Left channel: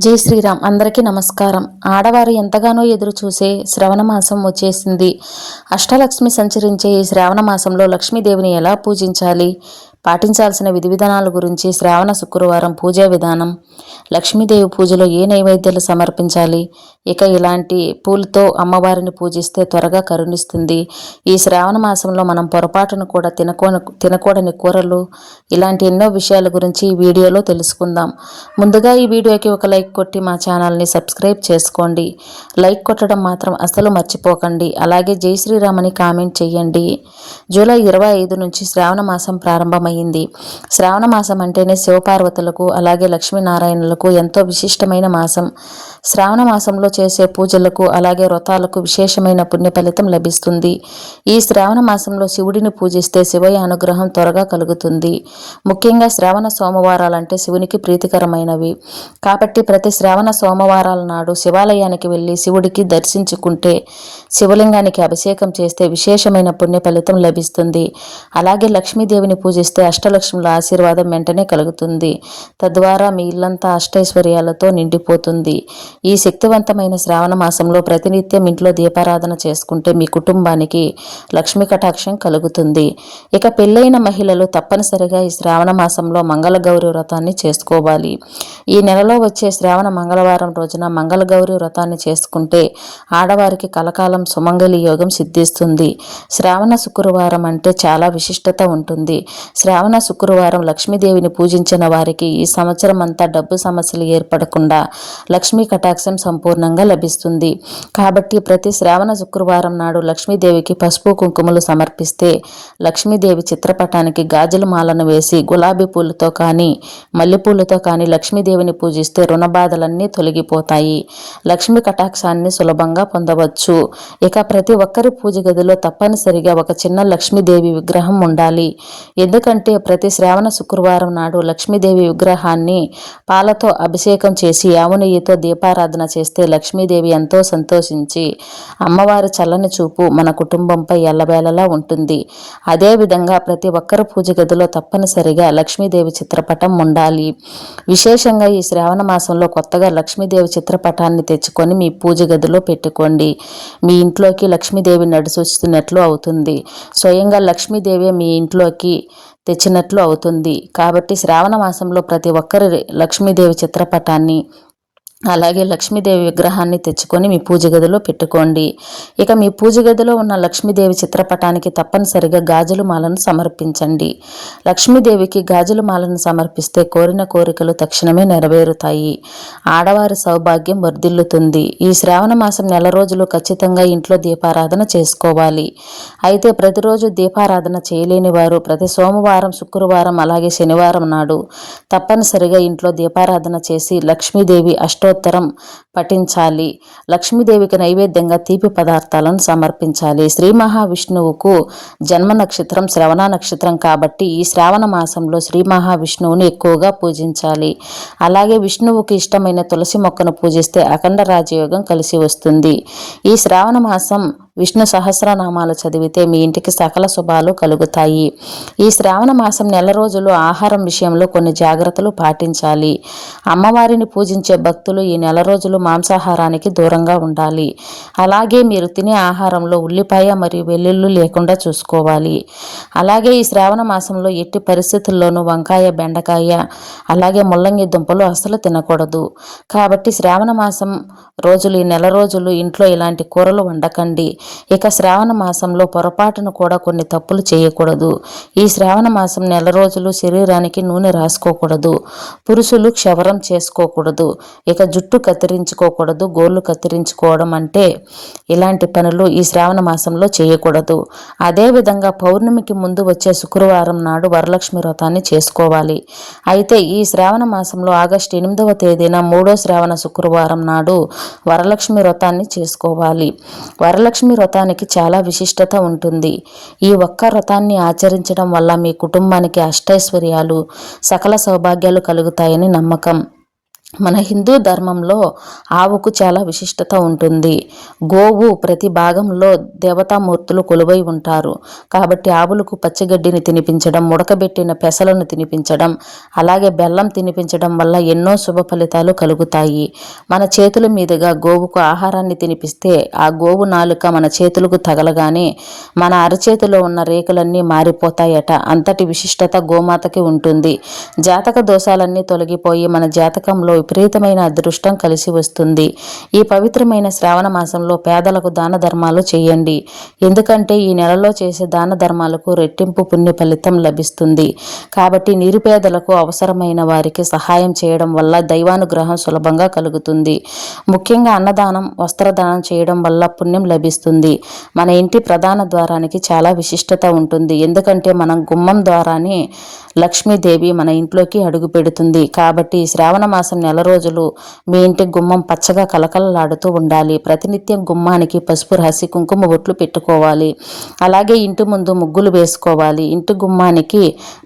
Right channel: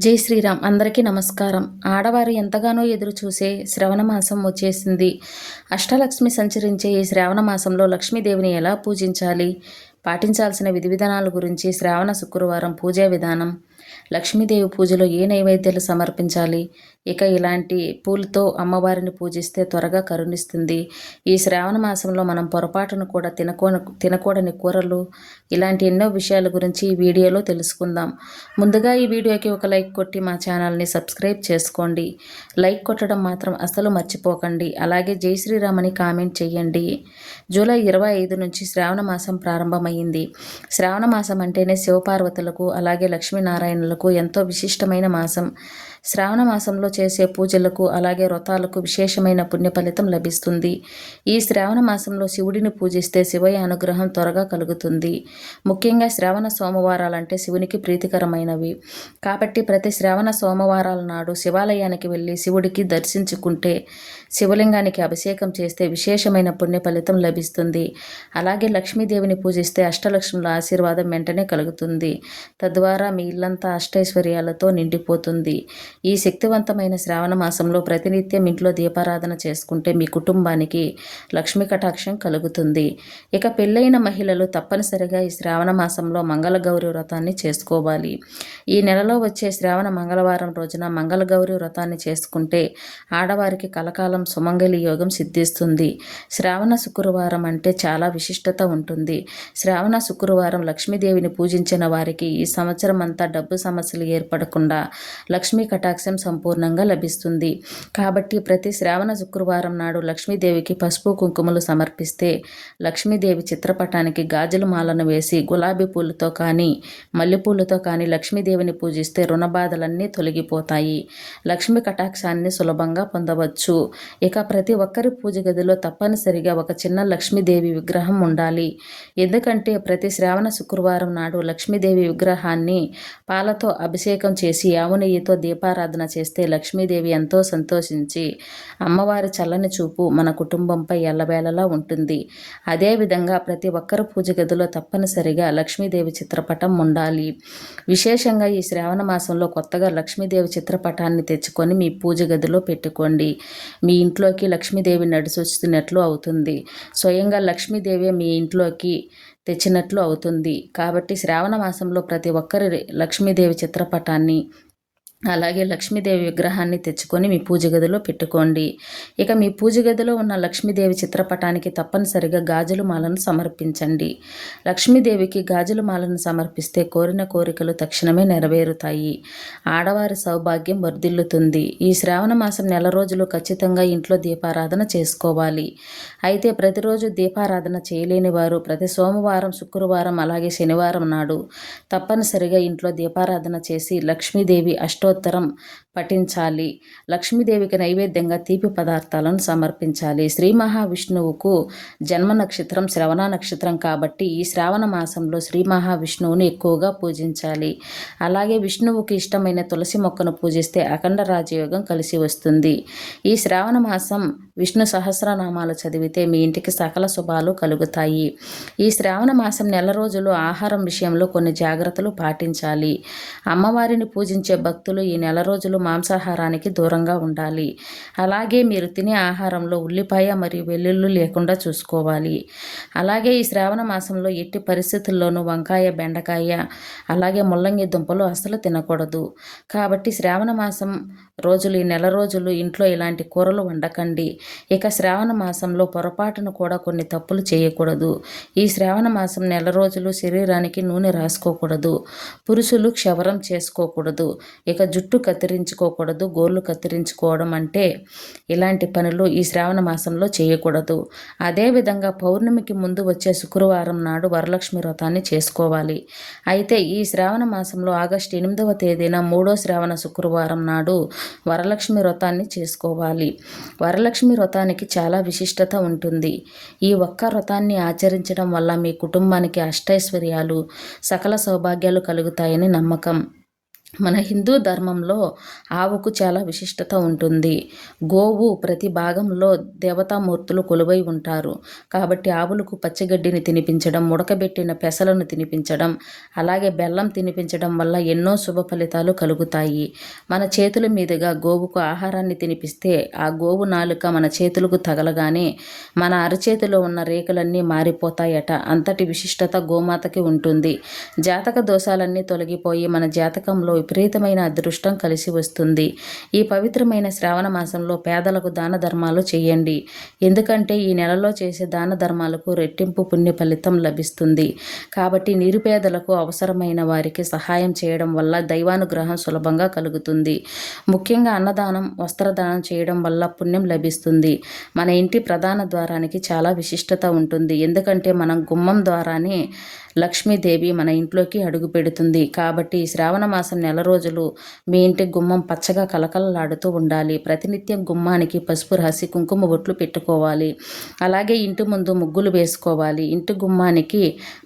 జై శ్రీరామ్. అందరికీ నమస్కారం. ఆడవారు ఎంతగానో ఎదురు చూసే శ్రవణ మాసం వచ్చేసింది. అష్టలక్ష్మి సంచరించే ఈ శ్రావణ మాసంలో లక్ష్మీదేవిని ఎలా పూజించాలి? పాటించాల్సిన విధి విధానాల గురించి శ్రావణ శుక్రవారం పూజా విధానం లక్ష్మీదేవి పూజలో ఏ నైవేద్యాలు సమర్పించాలి? ఇక ఇలాంటి పూలతో అమ్మవారిని పూజిస్తే త్వరగా కరుణిస్తుంది. ఈ శ్రావణ మాసంలో మనం పొరపాటును కూడా తినకో తినకూడని కూరలు ఇలాంటి ఎన్నో విషయాల గురించి ఈ వీడియోలో తెలుసుకుందాం. ముందుగా ఈ వీడియోకి ఒక లైక్ కొట్టి మా ఛానల్ని సబ్స్క్రైబ్ చేసుకోండి. లైక్ కొట్టడం మాత్రం అసలు మర్చిపోకండి. అలాగే జై శ్రీరామని కామెంట్ చేయండి. జూలై ఇరవై ఐదు నుంచి శ్రావణ మాసం అయింది. శ్రావణ మాసం అంటేనే శివపార్వతులకు అలాగే లక్ష్మీనారాయణులకు ఎంతో విశిష్టమైన మాసం. శ్రావణ మాసంలో చేసే పూజలకు అలాగే వ్రతాలకు విశేషమైన పుణ్య ఫలితం లభిస్తుంది. ఈ శ్రావణ మాసంలో శివుడిని పూజిస్తే శివయ అనుగ్రహం త్వరగా కలుగుతుంది. ముఖ్యంగా శ్రావణ సోమవారాలంటే శివునికి ప్రీతికరమైనవి. కాబట్టి ప్రతి శ్రావణ సోమవారాల నాడు శివాలయానికి వెళ్ళి శివుడికి దర్శించుకుంటే శివలింగానికి అభిషేకం చేస్తే విశేషమైన పుణ్య ఫలితం లభిస్తుంది. అలాగే లక్ష్మీదేవిని పూజిస్తే అష్టలక్ష్ముల ఆశీర్వాదం వెంటనే కలుగుతుంది. తద్వారా మీ ఇల్లంతా అష్టైశ్వర్యాలతో నిండిపోతుంది. ఈ శక్తివంతమైన శ్రావణ మాసంలో ప్రతినిత్యం ఇంట్లో దీపారాధన చేసుకుంటే మీ కుటుంబానికి లక్ష్మీ కటాక్షం కలుగుతుంది. ఇక పెళ్ళైన మహిళలు తప్పనిసరిగా ఈ శ్రావణ మాసంలో మంగళగౌరి వ్రతాన్ని చేసుకోవాలి. ఈ నెలలో వచ్చే శ్రావణ మంగళవారం రోజున మంగళగౌరి వ్రతాన్ని చేసుకుంటే ఆడవారికి కలకాలం సుమంగళి యోగం సిద్ధిస్తుంది. శ్రావణ శుక్రవారం అంటే చాలా విశిష్టత ఉంటుంది. శ్రావణ శుక్రవారం లక్ష్మీదేవిని పూజించిన వారికి ఈ సంవత్సరం అంతా డబ్బు సమస్యలు ఏర్పడకుండా లక్ష్మీ కటాక్షం సంపూర్ణంగా లభిస్తుంది. కాబట్టి ప్రతి శ్రావణ శుక్రవారం నాడు లక్ష్మీదేవికి పసుపు కుంకుమలు సమర్పిస్తే లక్ష్మీదేవి చిత్రపటానికి గాజుల మాలను వేసి గులాబీ పూలతో కానీ మల్లెపూలతో కానీ లక్ష్మీదేవిని పూజిస్తే రుణబాధలన్నీ తొలగిపోతాయి. లక్ష్మీ కటాక్షాన్ని సులభంగా పొందవచ్చు. ఇక ప్రతి ఒక్కరి పూజ గదిలో తప్పనిసరిగా ఒక చిన్న లక్ష్మీదేవి విగ్రహం ఉండాలి. ఎందుకంటే ప్రతి శ్రావణ శుక్రవారం నాడు లక్ష్మీదేవి విగ్రహాన్ని పాలతో అభిషేకం చేసి ఆవునెయ్యితో దీపారాధన చేస్తే లక్ష్మీదేవి ఎంతో సంతోషించి అమ్మవారి చల్లని చూపు మన కుటుంబంపై ఎల్లవేళలా ఉంటుంది. అదేవిధంగా ప్రతి ఒక్కరు పూజ గదిలో తప్పనిసరిగా లక్ష్మీదేవి చిత్రపటం ఉండాలి. విశేషంగా ఈ శ్రావణ మాసంలో కొత్తగా లక్ష్మీదేవి చిత్రపటాన్ని తెచ్చుకొని మీ పూజ గదిలో పెట్టుకోండి. మీ ఇంట్లోకి లక్ష్మీదేవి నడిచొస్తున్నట్లు అవుతుంది. స్వయంగా లక్ష్మీదేవి మీ ఇంట్లోకి తెచ్చినట్లు అవుతుంది. కాబట్టి శ్రావణ మాసంలో ప్రతి ఒక్కరి లక్ష్మీదేవి చిత్రపటాన్ని అలాగే లక్ష్మీదేవి విగ్రహాన్ని తెచ్చుకొని మీ పూజ గదిలో పెట్టుకోండి. ఇక మీ పూజ గదిలో ఉన్న లక్ష్మీదేవి చిత్రపటానికి తప్పనిసరిగా గాజుల మాలను సమర్పించండి. లక్ష్మీదేవికి గాజుల మాలను సమర్పిస్తే కోరిన కోరికలు తక్షణమే నెరవేరుతాయి. ఆడవారి సౌభాగ్యం వర్ధిల్లుతుంది. ఈ శ్రావణ మాసం నెల రోజులు ఖచ్చితంగా ఇంట్లో దీపారాధన చేసుకోవాలి. అయితే ప్రతిరోజు దీపారాధన చేయలేని వారు ప్రతి సోమవారం శుక్రవారం అలాగే శనివారం నాడు తప్పనిసరిగా ఇంట్లో దీపారాధన చేసి లక్ష్మీదేవి అష్టో అష్టోత్తరం పఠించాలి. లక్ష్మీదేవికి నైవేద్యంగా తీపి పదార్థాలను సమర్పించాలి. శ్రీ మహావిష్ణువుకు జన్మ నక్షత్రం శ్రవణ నక్షత్రం కాబట్టి ఈ శ్రావణ మాసంలో శ్రీ మహావిష్ణువుని ఎక్కువగా పూజించాలి. అలాగే విష్ణువుకి ఇష్టమైన తులసి మొక్కను పూజిస్తే అఖండ రాజయోగం కలిసి వస్తుంది. ఈ శ్రావణ మాసం విష్ణు సహస్రనామాలు చదివితే మీ ఇంటికి సకల శుభాలు కలుగుతాయి. ఈ శ్రావణ మాసం నెల రోజులు ఆహారం విషయంలో కొన్ని జాగ్రత్తలు పాటించాలి. అమ్మవారిని పూజించే భక్తులు ఈ నెల రోజులు మాంసాహారానికి దూరంగా ఉండాలి. అలాగే మీరు తినే ఆహారంలో ఉల్లిపాయ మరియు వెల్లుల్లి లేకుండా చూసుకోవాలి. అలాగే ఈ శ్రావణ మాసంలో ఎట్టి పరిస్థితుల్లోనూ వంకాయ బెండకాయ అలాగే ముల్లంగి దుంపలు అసలు తినకూడదు. కాబట్టి శ్రావణ మాసం రోజులు ఈ నెల రోజులు ఇంట్లో ఇలాంటి కూరలు వండకండి. ఇక శ్రావణ మాసంలో పొరపాటును కూడా కొన్ని తప్పులు చేయకూడదు. ఈ శ్రావణ మాసం నెల రోజులు శరీరానికి నూనె రాసుకోకూడదు. పురుషులు క్షవరం చేసుకోకూడదు. ఇక జుట్టు కత్తిరించుకోకూడదు గోళ్ళు కత్తిరించుకోవడం అంటే ఇలాంటి పనులు ఈ శ్రావణ మాసంలో చేయకూడదు. అదేవిధంగా పౌర్ణమికి ముందు వచ్చే శుక్రవారం నాడు వరలక్ష్మి వ్రతాన్ని చేసుకోవాలి. అయితే ఈ శ్రావణ మాసంలో ఆగస్టు ఎనిమిదవ తేదీన మూడో శ్రావణ శుక్రవారం నాడు వరలక్ష్మి వ్రతాన్ని చేసుకోవాలి. వరలక్ష్మి వ్రతానికి చాలా విశిష్టత ఉంటుంది. ఈ ఒక్క వ్రతాన్ని ఆచరించడం వల్ల మీ కుటుంబానికి అష్టైశ్వర్యాలు సకల సౌభాగ్యాలు కలుగుతాయని నమ్మకం. మన హిందూ ధర్మంలో ఆవుకు చాలా విశిష్టత ఉంటుంది. గోవు ప్రతి భాగంలో దేవతామూర్తులు కొలువై ఉంటారు. కాబట్టి ఆవులకు పచ్చిగడ్డిని తినిపించడం ముడకబెట్టిన పెసలను తినిపించడం అలాగే బెల్లం తినిపించడం వల్ల ఎన్నో శుభ ఫలితాలు కలుగుతాయి. మన చేతుల మీదుగా గోవుకు ఆహారాన్ని తినిపిస్తే ఆ గోవు నాలుక మన చేతులకు తగలగానే మన అరచేతిలో ఉన్న రేకులన్నీ మారిపోతాయట. అంతటి విశిష్టత గోమాతకి ఉంటుంది. జాతక దోషాలన్నీ తొలగిపోయి మన జాతకంలో విపరీతమైన అదృష్టం కలిసి వస్తుంది. ఈ పవిత్రమైన శ్రావణ మాసంలో పేదలకు దాన ధర్మాలు చేయండి. ఎందుకంటే ఈ నెలలో చేసే దాన ధర్మాలకు రెట్టింపు పుణ్య ఫలితం లభిస్తుంది. కాబట్టి నిరుపేదలకు అవసరమైన వారికి సహాయం చేయడం వల్ల దైవానుగ్రహం సులభంగా కలుగుతుంది. ముఖ్యంగా అన్నదానం వస్త్రదానం చేయడం వల్ల పుణ్యం లభిస్తుంది. మన ఇంటి ప్రధాన ద్వారానికి చాలా విశిష్టత ఉంటుంది. ఎందుకంటే మనం గుమ్మం ద్వారానే లక్ష్మీదేవి మన ఇంట్లోకి అడుగు పెడుతుంది. కాబట్టి శ్రావణ మాసం నెల రోజులు మీ ఇంటి గుమ్మం పచ్చగా కలకలలాడుతూ ఉండాలి. ప్రతినిత్యం గుమ్మానికి పసుపు రాసి కుంకుమ బొట్లు పెట్టుకోవాలి. అలాగే ఇంటి ముందు ముగ్గులు వేసుకోవాలి. ఇంటి గుమ్మానికి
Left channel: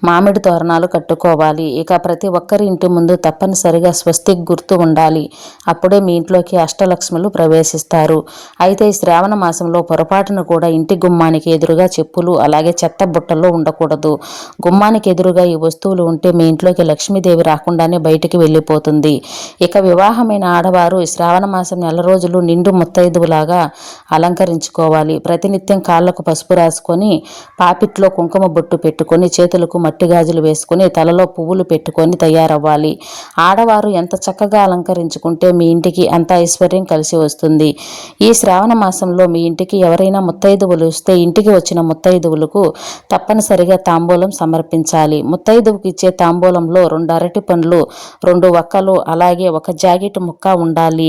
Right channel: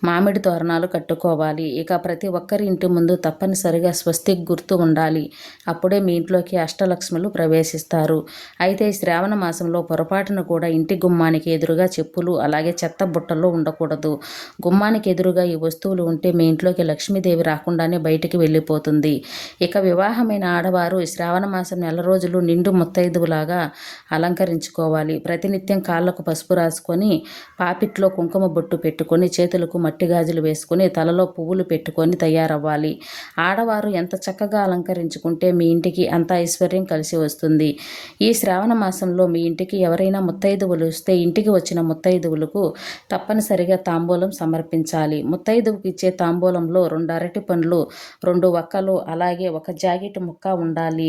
మామిడి తోరణాలు కట్టుకోవాలి. ఇక ప్రతి ఒక్కరి ఇంటి ముందు తప్పనిసరిగా స్వస్తిక్ గుర్తు ఉండాలి. అప్పుడే మీ ఇంట్లోకి అష్టలక్ష్ములు ప్రవేశిస్తారు. అయితే ఈ శ్రావణ మాసంలో పొరపాటును కూడా ఇంటి గుమ్మానికి ఎదురుగా చెప్పులు అలాగే చెత్త బుట్టల్లో ఉండకూడదు. గుమ్మానికి ఎదురుగా ఈ వస్తువులు ఉంటే మీ ఇంట్లోకి లక్ష్మీదేవి రాకుండానే బయటికి వెళ్ళిపోతుంది. ఇక వివాహమైన ఆడవారు శ్రావణ మాసం నెల రోజులు నిండు ముత్తైదువులాగా అలంకరించుకోవాలి. ప్రతినిత్యం కాళ్ళకు పసుపు రాసుకొని పాపిట్లో కుంకుమ బొట్టు పెట్టుకొని చేతులకు మట్టి గాజులు వేసుకొని తలలో పువ్వులు పెట్టుకొని తయారవ్వాలి. ఆడవారు ఎంత చక్కగా అలంకరించుకుంటే మీ ఇంటికి అంత ఐశ్వర్యం కలిసి వస్తుంది. ఈ శ్రావణ మాసంలో మీ ఇంటికి ఎవరైనా ముత్తైదువులు వస్తే ఇంటికి వచ్చిన ముత్తైదువులకు తప్పనిసరిగా తాంబూలం సమర్పించాలి. ముత్తైదువుకి ఇచ్చే తాంబూలంలో రెండు అరటి పండ్లు రెండు వక్కలు అలాగే ఒక జాకెట్ ముక్క ఉండాలి.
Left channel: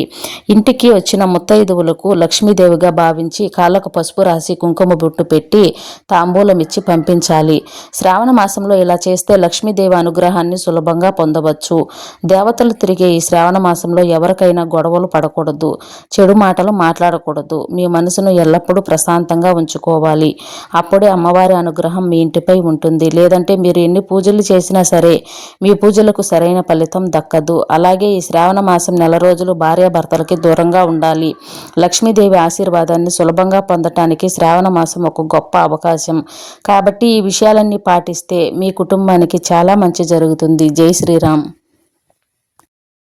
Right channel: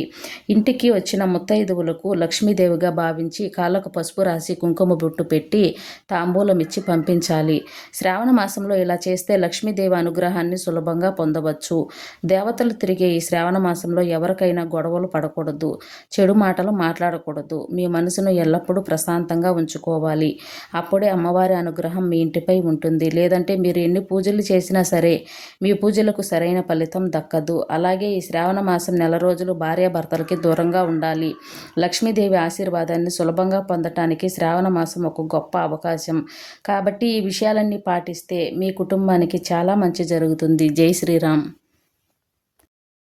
ఇంటికి వచ్చిన ముత్తైదువులకు లక్ష్మీదేవిగా భావించి కాళ్ళకు పసుపు రాసి కుంకుమ బొట్టు పెట్టి తాంబూలం ఇచ్చి పంపించాలి. శ్రావణ మాసంలో ఇలా చేస్తే లక్ష్మీదేవి అనుగ్రహాన్ని సులభంగా పొందవచ్చు. దేవతలు తిరిగే ఈ శ్రావణ మాసంలో ఎవరికైనా గొడవలు పడకూడదు. చెడు మాటలు మాట్లాడకూడదు. మీ మనసును ఎల్లప్పుడూ ప్రశాంతంగా ఉంచుకోవాలి. అప్పుడే అమ్మవారి అనుగ్రహం మీ ఇంటిపై ఉంటుంది. లేదంటే మీరు ఎన్ని పూజలు చేసినా సరే మీ పూజలకు సరైన ఫలితం దక్కదు. అలాగే ఈ శ్రావణ మాసం నెల రోజులు భార్యాభర్తలకి దూరంగా ఉండాలి. లక్ష్మీదేవి ఆశీర్వాదాన్ని సులభంగా పొందటానికి శ్రావణ మాసం ఒక గొప్ప అవకాశం. కాబట్టి ఈ విషయాలన్నీ పాటిస్తే మీ కుటుంబానికి చాలా మంచి జరుగుతుంది. జై శ్రీరామ్.